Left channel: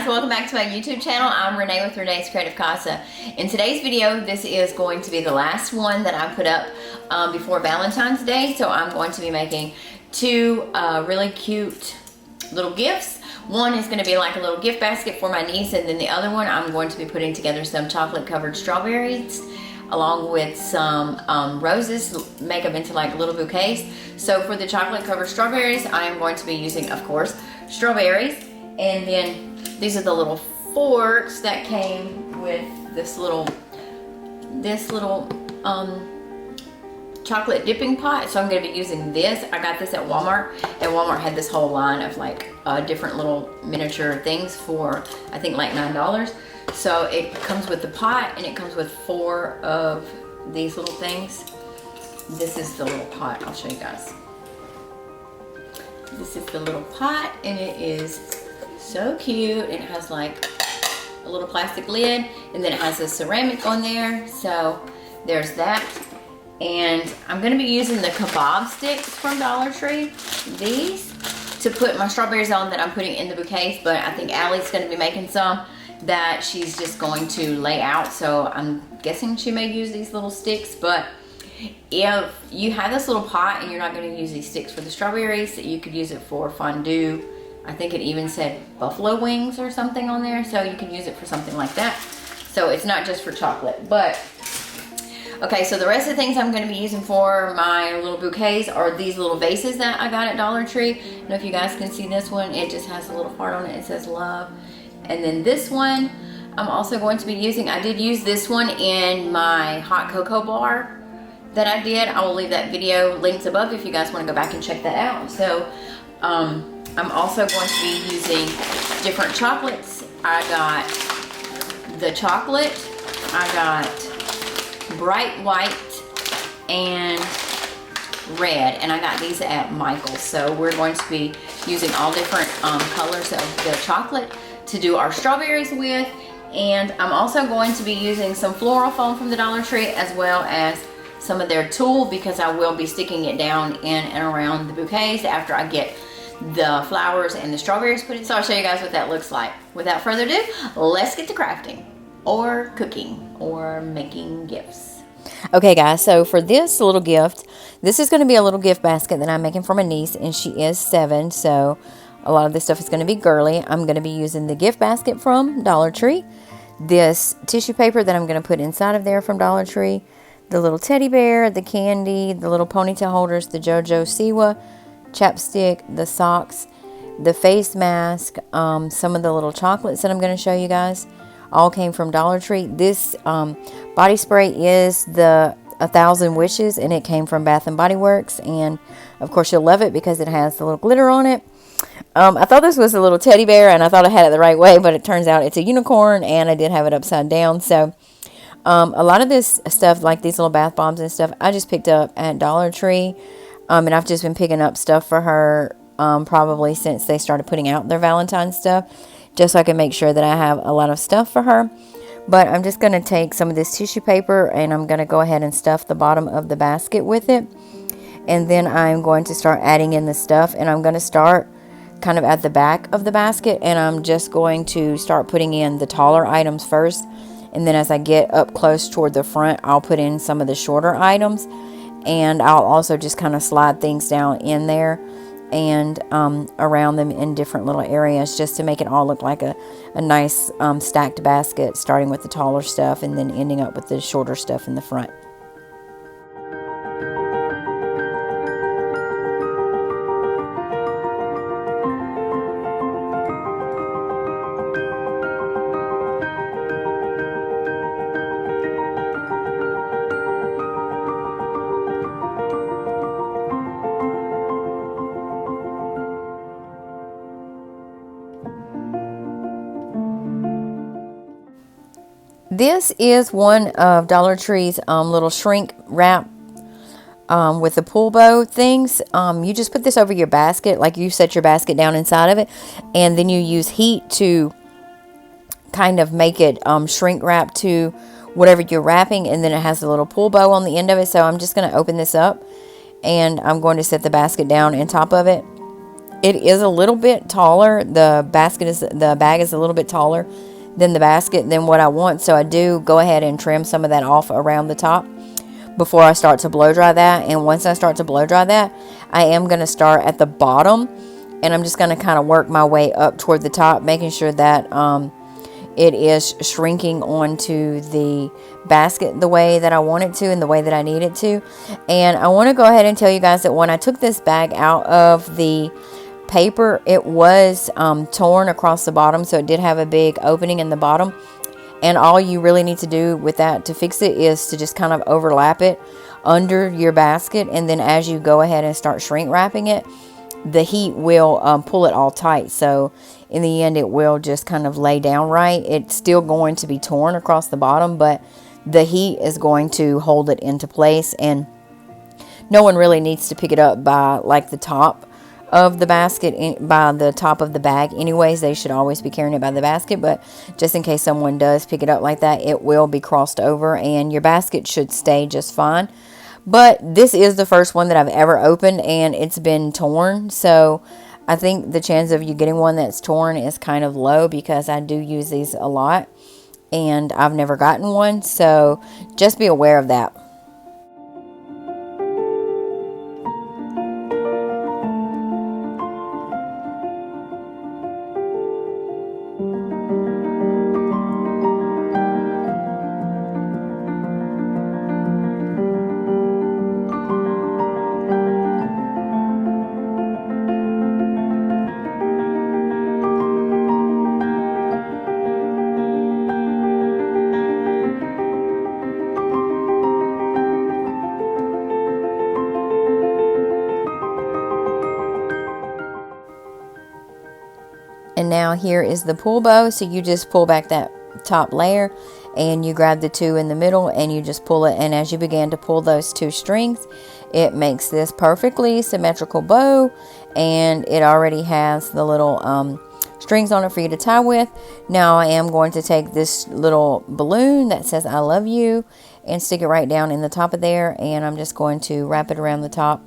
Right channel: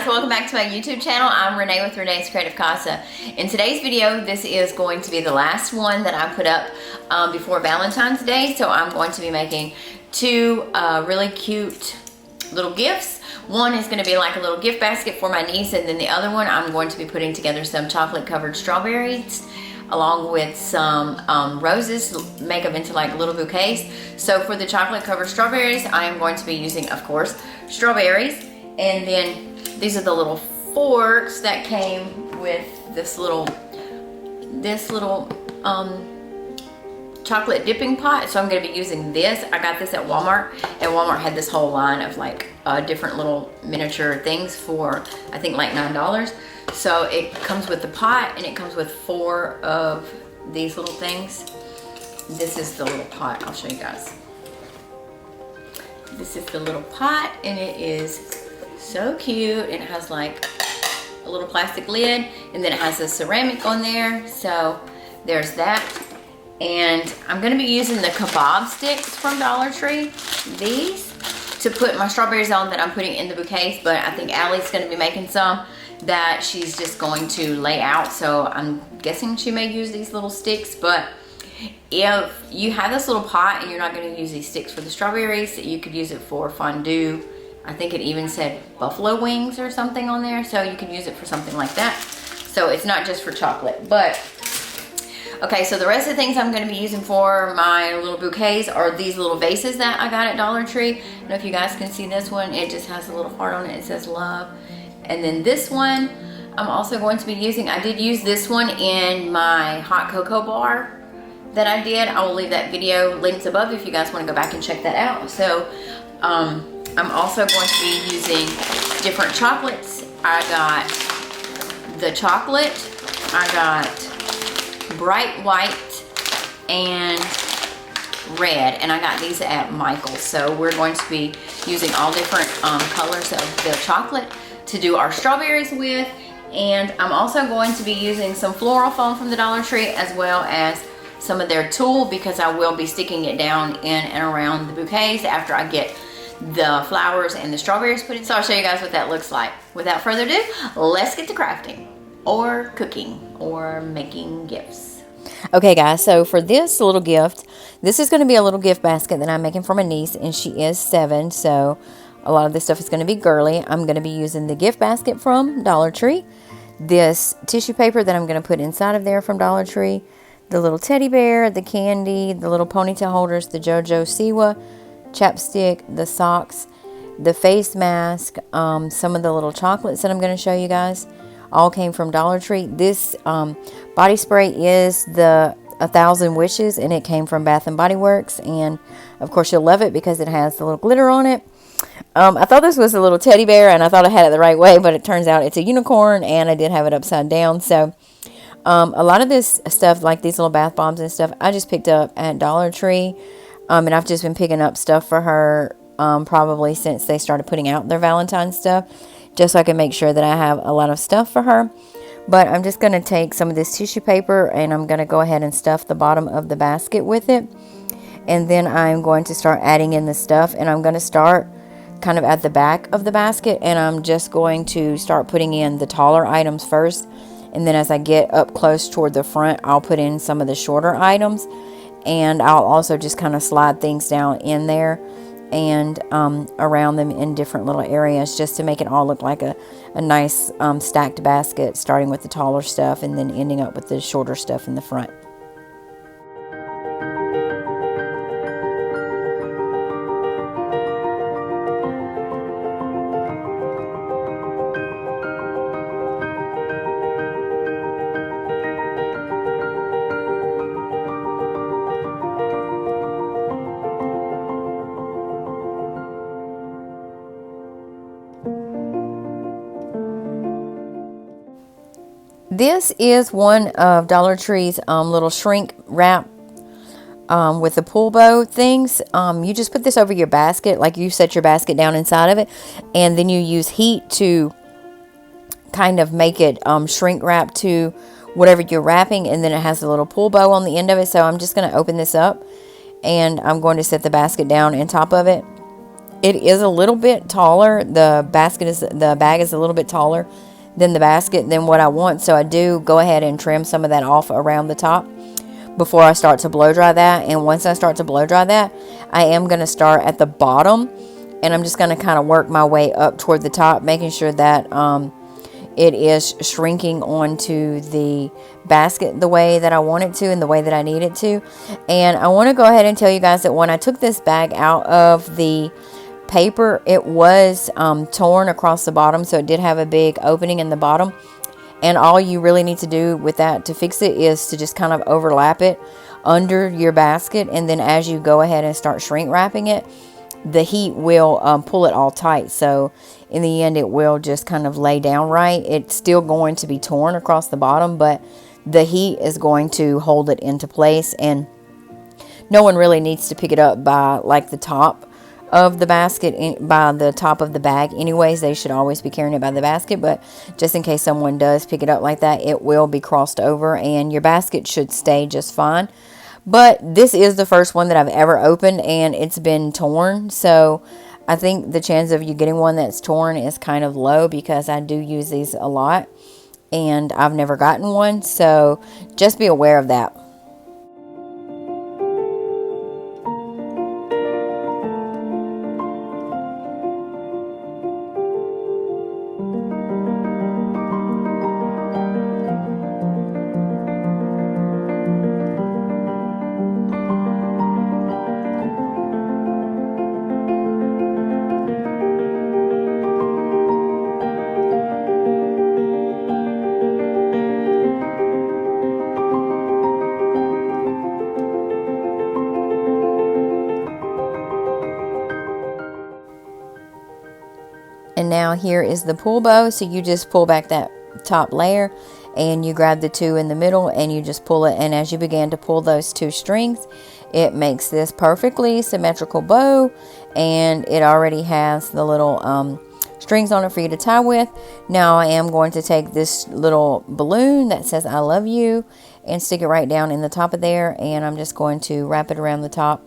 guys, welcome back to my YouTube channel. I'm Renee with Renee's Creative Casa. In today's video, this is going to be the last one that I put up before Valentine's Day. So I'm going to be making two really cute little gifts. One is going to be like a little gift basket for my niece, and then the other one I'm going to be putting together some chocolate covered strawberries along with some roses, make them into like little bouquets. So for the chocolate covered strawberries, I am going to be using, of course, strawberries. And then these are the little forks that came with this little chocolate dipping pot. So I'm going to be using this. I got this at Walmart, and Walmart had this whole line of like different little miniature things for I think like $9. So it comes with the pot, and it comes with 4 of these little things. This is the little pot. I'll show you guys. This is the little pot, and it is so cute. It has like a little plastic lid, and then it has a ceramic on there. So there's that. And I'm gonna be using the kebab sticks from Dollar Tree, these, to put my strawberries on that I'm putting in the bouquets. But I think Allie's gonna be making some that she's just going to lay out. So I'm guessing she may use these little sticks. But if you have this little pot and you're not gonna use these sticks for the strawberries, you could use it for fondue. I think it even said buffalo wings or something on there, so you can use it for something like that. So it's not just for chocolate. But okay, so the rest of the things I'm going to be using for my little bouquets are these little vases that I got at Dollar Tree. I don't know if you guys can see this one. It just has a little heart on it. It says love. And then this one I'm also going to be using. I did use this one in my hot cocoa bar that I did. I will leave that video linked above if you guys want to go back and check that out. So I'm also going to be using different chocolates. I got the chocolate, I got bright white and red, and I got these at Michael's. So we're going to be using all different colors of the chocolate to do our strawberries with. And I'm also going to be using some floral foam from the Dollar Tree, as well as some of their tulle, because I will be sticking it down in and around the bouquets after I get the flowers and the strawberries put in. So I'll show you guys what that looks like. Without further ado, let's get to crafting or cooking or making gifts. Okay guys, so for this little gift, this is going to be a little gift basket that I'm making for my niece, and she is 7, so a lot of this stuff is going to be girly. I'm going to be using the gift basket from Dollar Tree, this tissue paper that I'm going to put inside of there from Dollar Tree, the little teddy bear, the candy, the little ponytail holders, the JoJo Siwa chapstick, the socks, the face mask, some of the little chocolates that I'm going to show you guys all came from Dollar Tree. This body spray is the 1,000 Wishes, and it came from Bath and Body Works, and of course you'll love it because it has the little glitter on it. I thought this was a little teddy bear, and I thought I had it the right way, but it turns out it's a unicorn, and I did have it upside down. So a lot of this stuff, like these little bath bombs and stuff, I just picked up at Dollar Tree. And I've just been picking up stuff for her probably since they started putting out their Valentine stuff, just so I can make sure that I have a lot of stuff for her. But I'm just going to take some of this tissue paper, and I'm going to go ahead and stuff the bottom of the basket with it. And then I'm going to start adding in the stuff, and I'm going to start kind of at the back of the basket, and I'm just going to start putting in the taller items first. And then as I get up close toward the front, I'll put in some of the shorter items. And I'll also just kind of slide things down in there and around them in different little areas, just to make it all look like a nice stacked basket, starting with the taller stuff and then ending up with the shorter stuff in the front. This is one of Dollar Tree's little shrink wrap with the pull bow things. You just put this over your basket, like you set your basket down inside of it, and then you use heat to kind of make it shrink wrap to whatever you're wrapping, and then it has a little pull bow on the end of it. So I'm just going to open this up, and I'm going to set the basket down on top of it. It is a little bit taller. The bag is a little bit taller than the basket than what I want. So I do go ahead and trim some of that off around the top before I start to blow dry that. And once I start to blow dry that, I am going to start at the bottom, and I'm just going to kind of work my way up toward the top, making sure that it is shrinking onto the basket the way that I want it to and the way that I need it to. And I want to go ahead and tell you guys that when I took this bag out of the paper, it was torn across the bottom, so it did have a big opening in the bottom. And all you really need to do with that to fix it is to just kind of overlap it under your basket, and then as you go ahead and start shrink wrapping it, the heat will pull it all tight. So in the end, it will just kind of lay down right. It's still going to be torn across the bottom, but the heat is going to hold it into place, and no one really needs to pick it up by like the top of the basket, by the top of the bag anyways. They should always be carrying it by the basket, but just in case someone does pick it up like that, it will be crossed over and your basket should stay just fine. But this is the first one that I've ever opened, and it's been torn, so I think the chance of you getting one that's torn is kind of low, because I do use these a lot and I've never gotten one, so just be aware of that. And now here is the pull bow. So you just pull back that top layer and you grab the two in the middle and you just pull it. And as you begin to pull those two strings, it makes this perfectly symmetrical bow. And it already has the little strings on it for you to tie with. Now I am going to take this little balloon that says I love you and stick it right down in the top of there. And I'm just going to wrap it around the top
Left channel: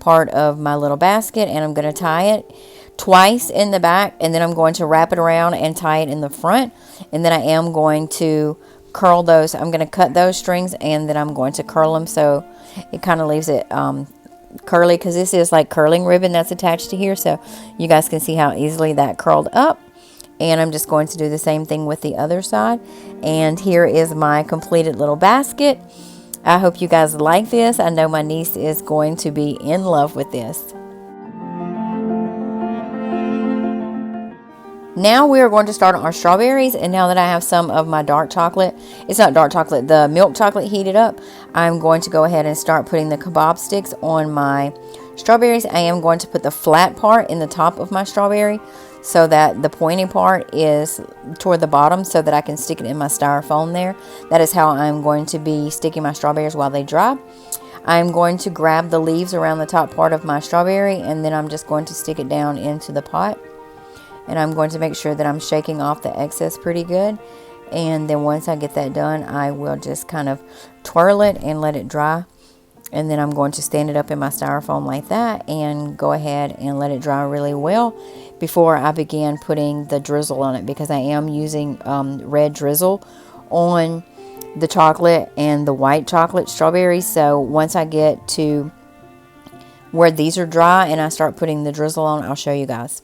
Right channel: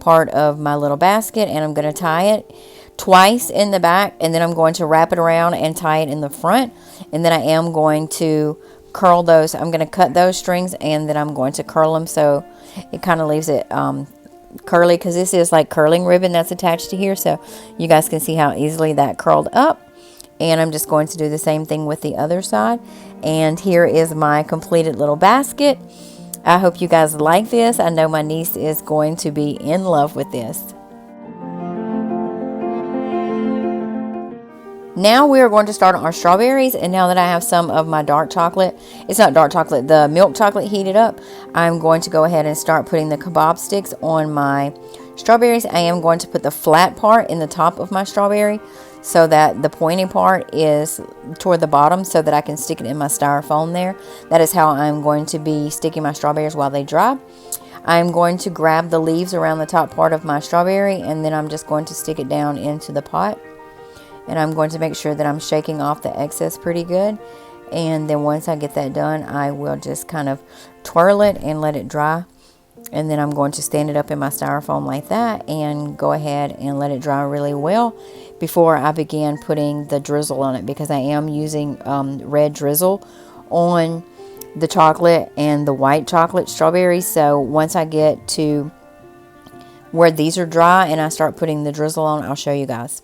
part of my little basket, and I'm going to tie it twice in the back, and then I'm going to wrap it around and tie it in the front, and then I am going to curl those. I'm going to cut those strings, and then I'm going to curl them so it kind of leaves it curly, because this is like curling ribbon that's attached to here, so you guys can see how easily that curled up. And I'm just going to do the same thing with the other side. And here is my completed little basket. I hope you guys like this. I know my niece is going to be in love with this. Now we are going to start on our strawberries, and now that I have some of my dark chocolate, it's not dark chocolate, the milk chocolate heated up, I'm going to go ahead and start putting the kebab sticks on my strawberries. I am going to put the flat part in the top of my strawberry so that the pointy part is toward the bottom so that I can stick it in my styrofoam there. That is how I'm going to be sticking my strawberries while they dry. I'm going to grab the leaves around the top part of my strawberry, and then I'm just going to stick it down into the pot. And I'm going to make sure that I'm shaking off the excess pretty good. And then once I get that done, I will just kind of twirl it and let it dry. And then I'm going to stand it up in my styrofoam like that and go ahead and let it dry really well before I begin putting the drizzle on it, because I am using red drizzle on the chocolate and the white chocolate strawberries. So once I get to where these are dry and I start putting the drizzle on, I'll show you guys.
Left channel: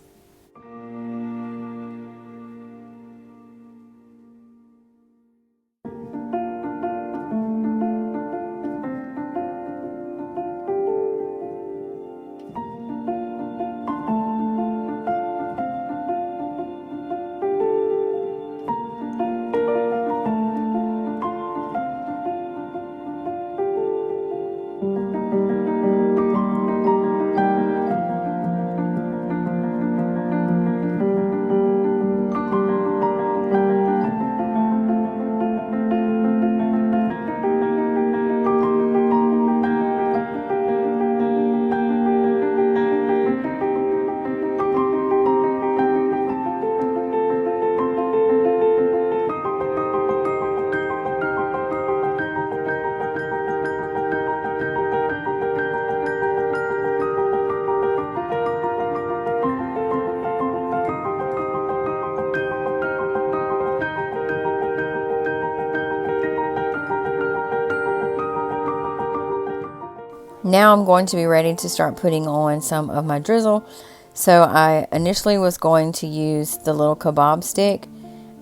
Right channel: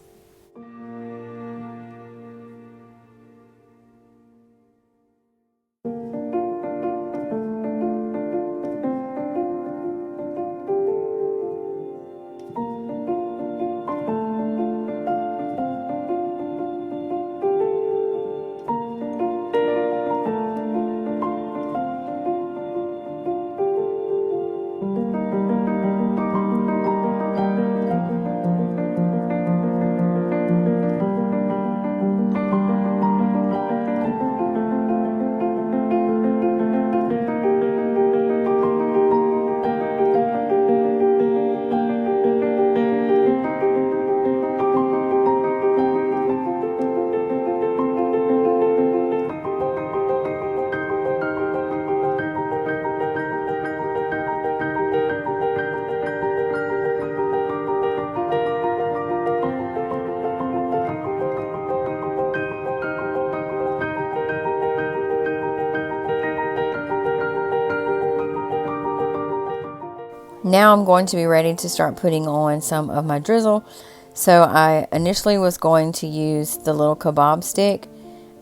Now I'm going to be ready to start putting on some of my drizzle. So I initially was going to use the little kebab stick,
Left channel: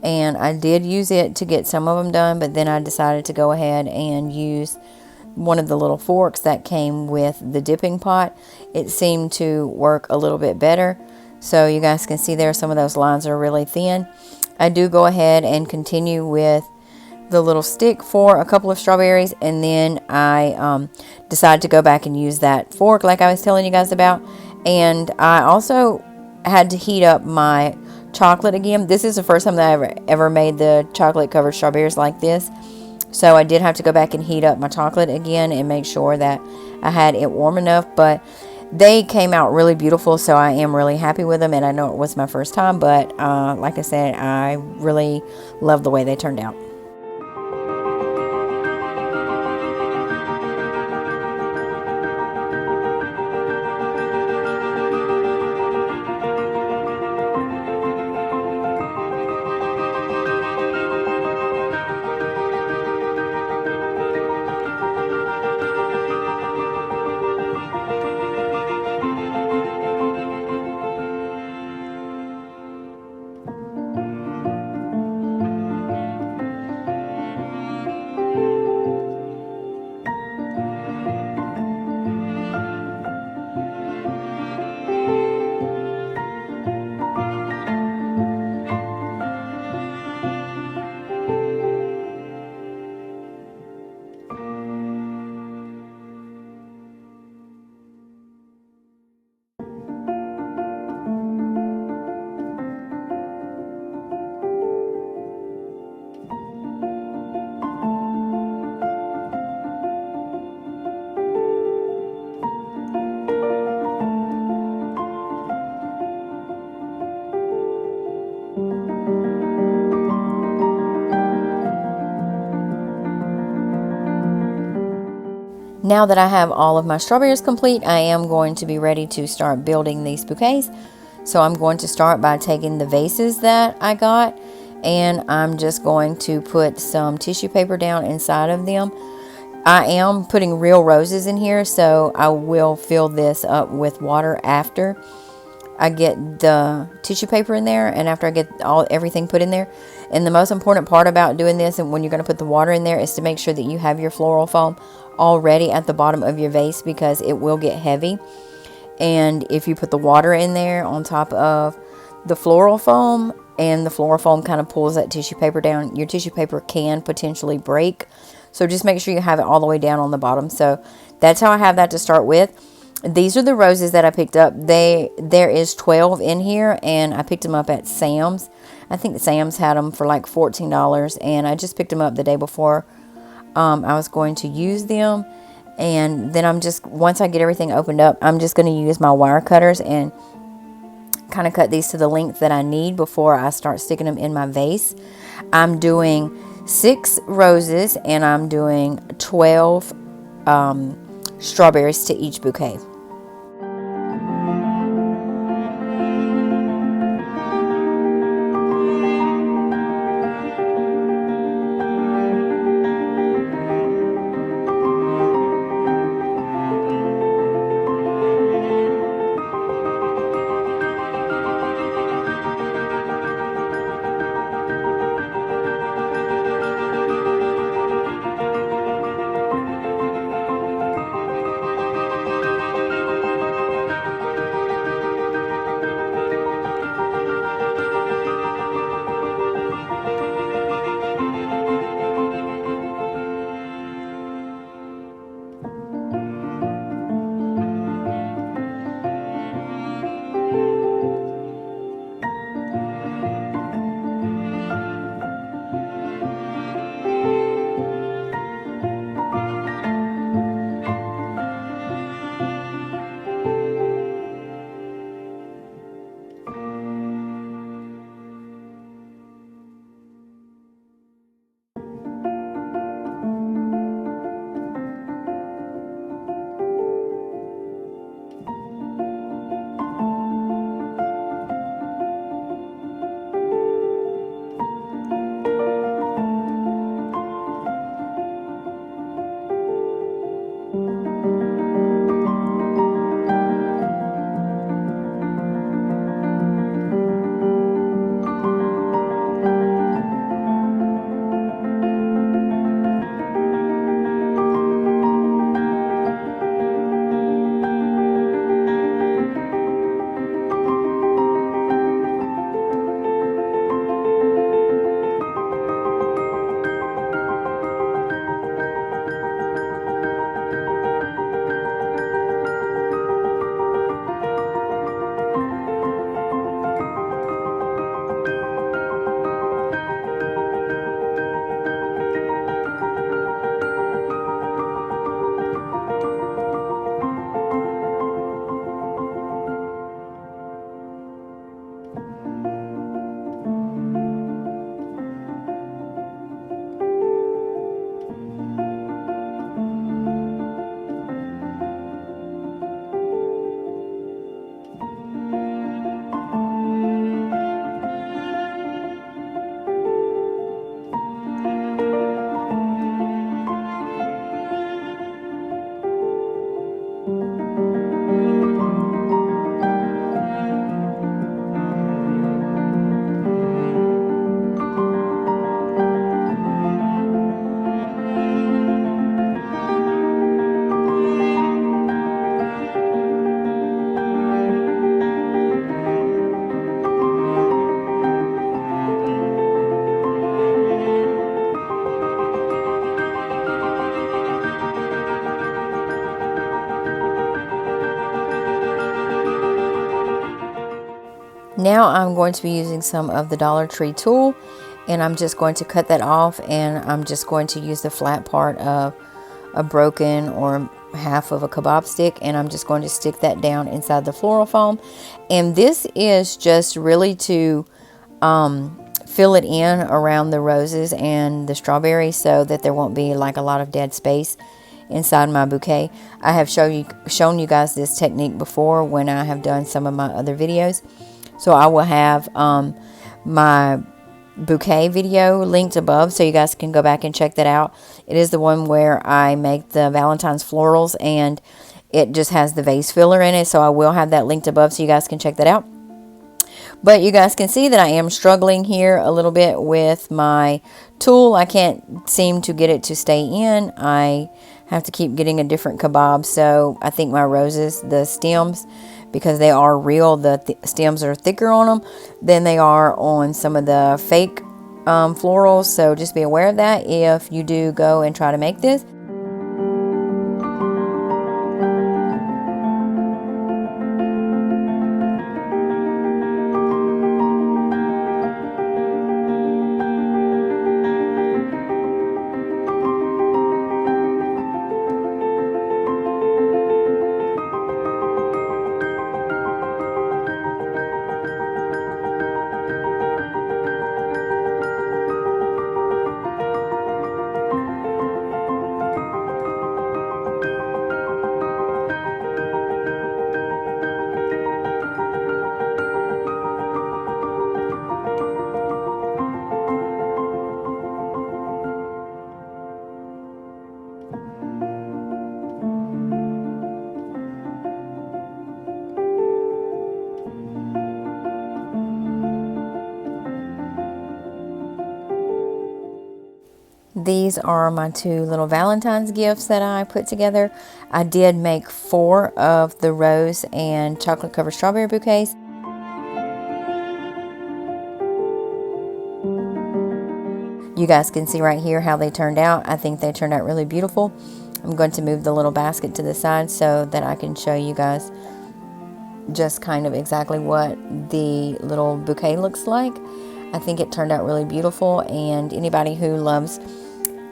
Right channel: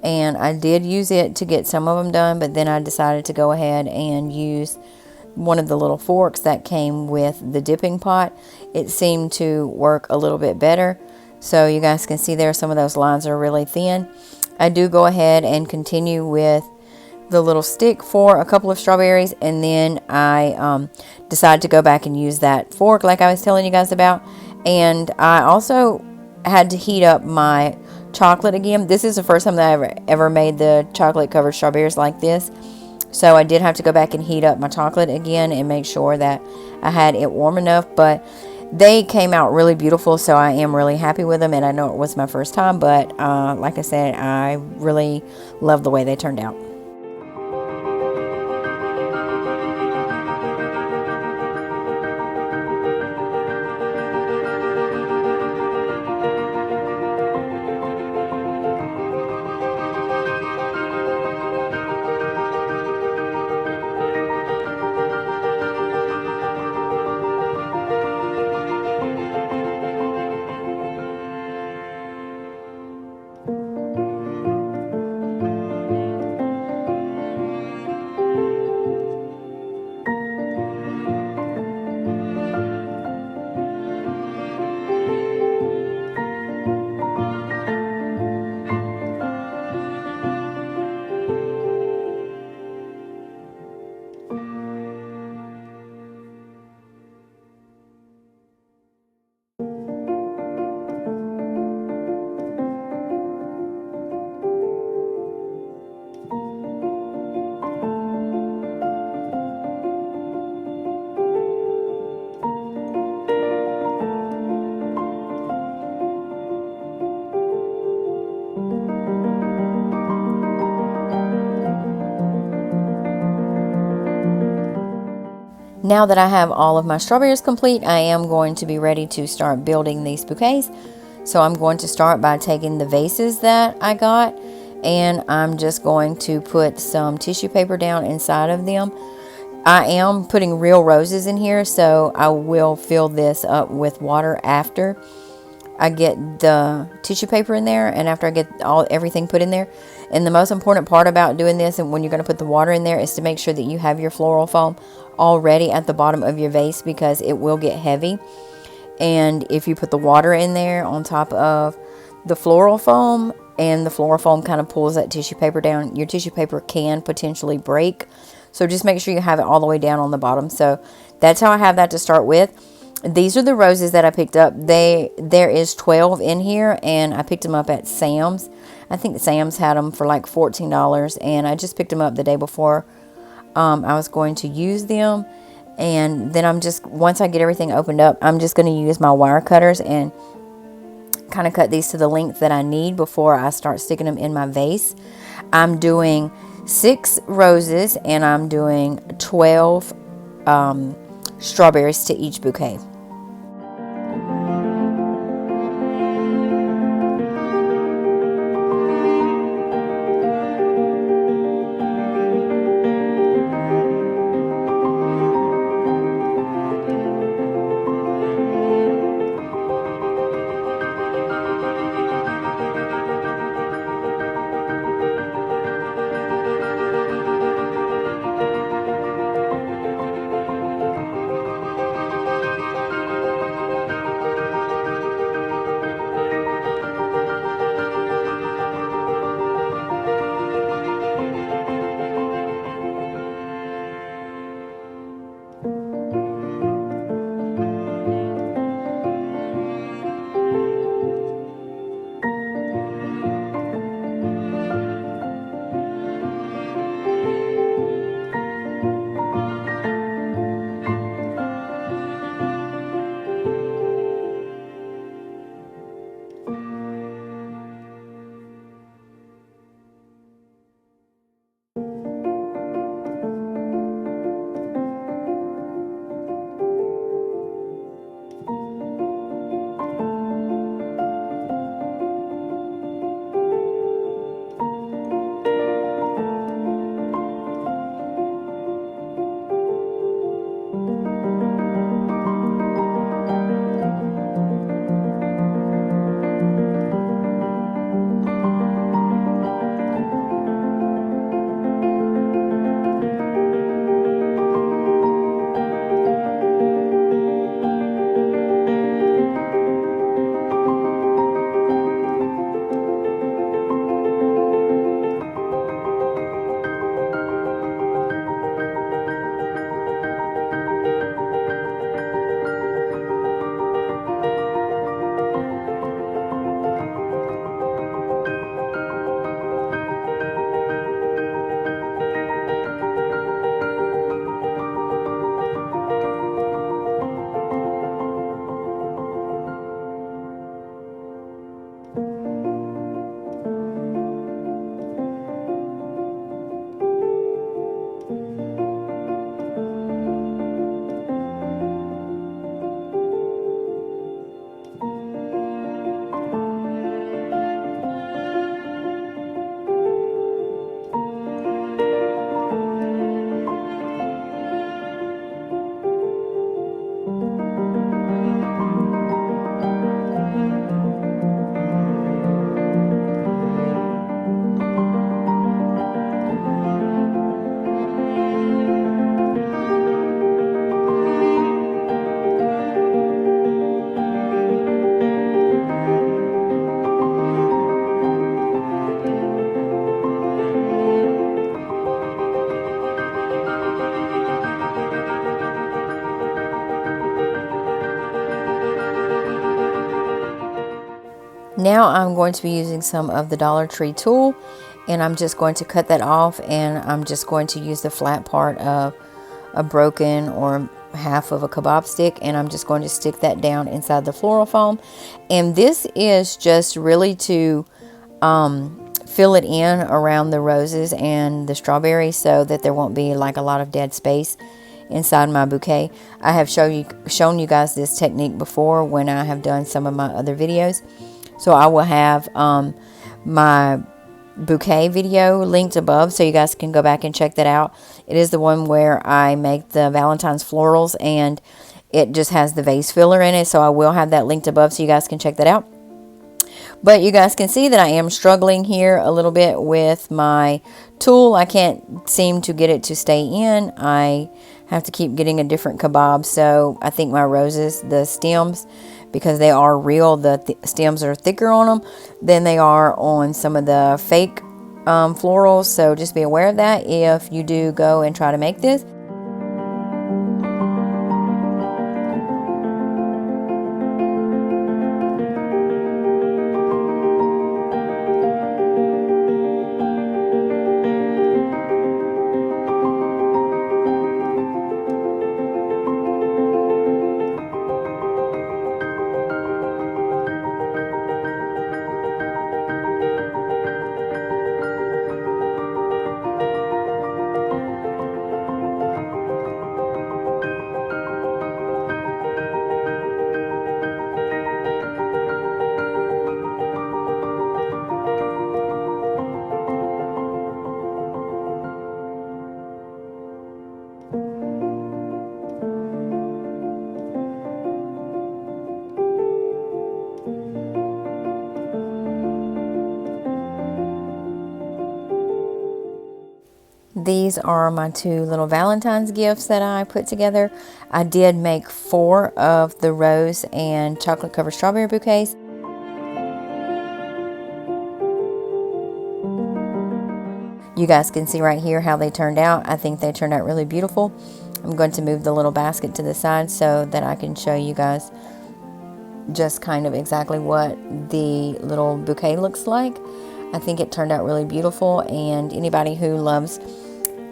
and I did use it to get some of them done, but then I decided to go ahead and use one of the little forks that came with the dipping pot. It seemed to work a little bit better. So you guys can see there some of those lines are really thin. I do go ahead and continue with the little stick for a couple of strawberries, and then I decided to go back and use that fork like I was telling you guys about. And I also had to heat up my chocolate again. This is the first time that I ever made the chocolate covered strawberries like this. So I did have to go back and heat up my chocolate again and make sure that I had it warm enough. But they came out really beautiful, so I am really happy with them. And I know it was my first time, but like I said, I really love the way they turned out. Now that I have all of my strawberries complete, I am going to be ready to start building these bouquets. So I'm going to start by taking the vases that I got, and I'm just going to put some tissue paper down inside of them. I am putting real roses in here, so I will fill this up with water after I get the tissue paper in there and after I get everything put in there. And the most important part about doing this and when you're going to put the water in there is to make sure that you have your floral foam already at the bottom of your vase, because it will get heavy. And if you put the water in there on top of the floral foam and the floral foam kind of pulls that tissue paper down, your tissue paper can potentially break. So just make sure you have it all the way down on the bottom. So that's how I have that to start with. These are the roses that I picked up. There is 12 in here, and I picked them up at Sam's. I think Sam's had them for like $14, and I just picked them up the day before I was going to use them. And then once I get everything opened up, I'm just going to use my wire cutters and kind of cut these to the length that I need before I start sticking them in my vase. I'm doing 6 roses, and I'm doing 12 strawberries to each bouquet. Now I'm going to be using some of the Dollar Tree tool, and I'm just going to cut that off, and I'm just going to use the flat part of a broken or half of a kebab stick, and I'm just going to stick that down inside the floral foam. And this is just really to fill it in around the roses and the strawberries so that there won't be like a lot of dead space inside my bouquet. I have shown you guys this technique before when I have done some of my other videos. So I will have my bouquet video linked above so you guys can go back and check that out. It is the one where I make the Valentine's florals, and it just has the vase filler in it. So I will have that linked above so you guys can check that out. But you guys can see that I am struggling here a little bit with my tool. I can't seem to get it to stay in. I have to keep getting a different kebab. So I think my roses, the stems, because they are real, the stems are thicker on them than they are on some of the fake florals. So just be aware of that if you do go and try to make this. These are my two little Valentine's gifts that I put together. I did make 4 of the rose and chocolate covered strawberry bouquets. You guys can see right here how they turned out. I think they turned out really beautiful. I'm going to move the little basket to the side so that I can show you guys just kind of exactly what the little bouquet looks like. I think it turned out really beautiful, and anybody who loves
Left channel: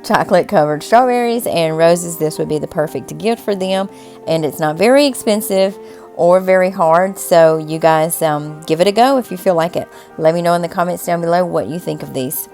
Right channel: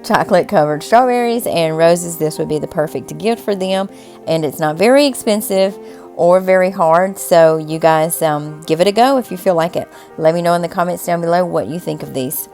chocolate covered strawberries and roses, this would be the perfect gift for them. And it's not very expensive or very hard, so you guys give it a go if you feel like it. Let me know in the comments down below what you think of these.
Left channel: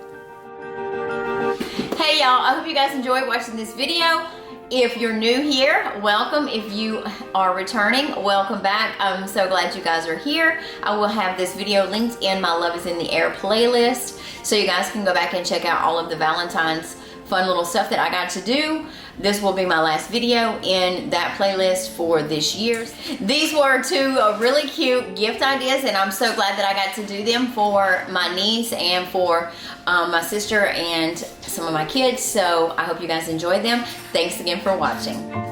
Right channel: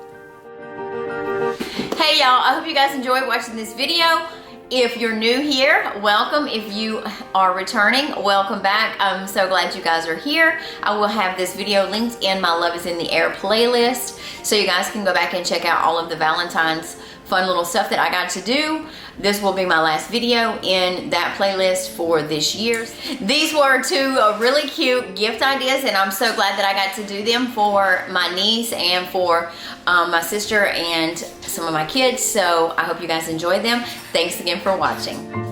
Hey y'all, I hope you guys enjoyed watching this video. If you're new here, welcome. If you are returning, welcome back. I'm so glad you guys are here. I will have this video linked in my Love is in the Air playlist, so you guys can go back and check out all of the Valentine's fun little stuff that I got to do. This will be my last video in that playlist for this year. These were 2 really cute gift ideas, and I'm so glad that I got to do them for my niece and for my sister and some of my kids. So I hope you guys enjoyed them. Thanks again for watching.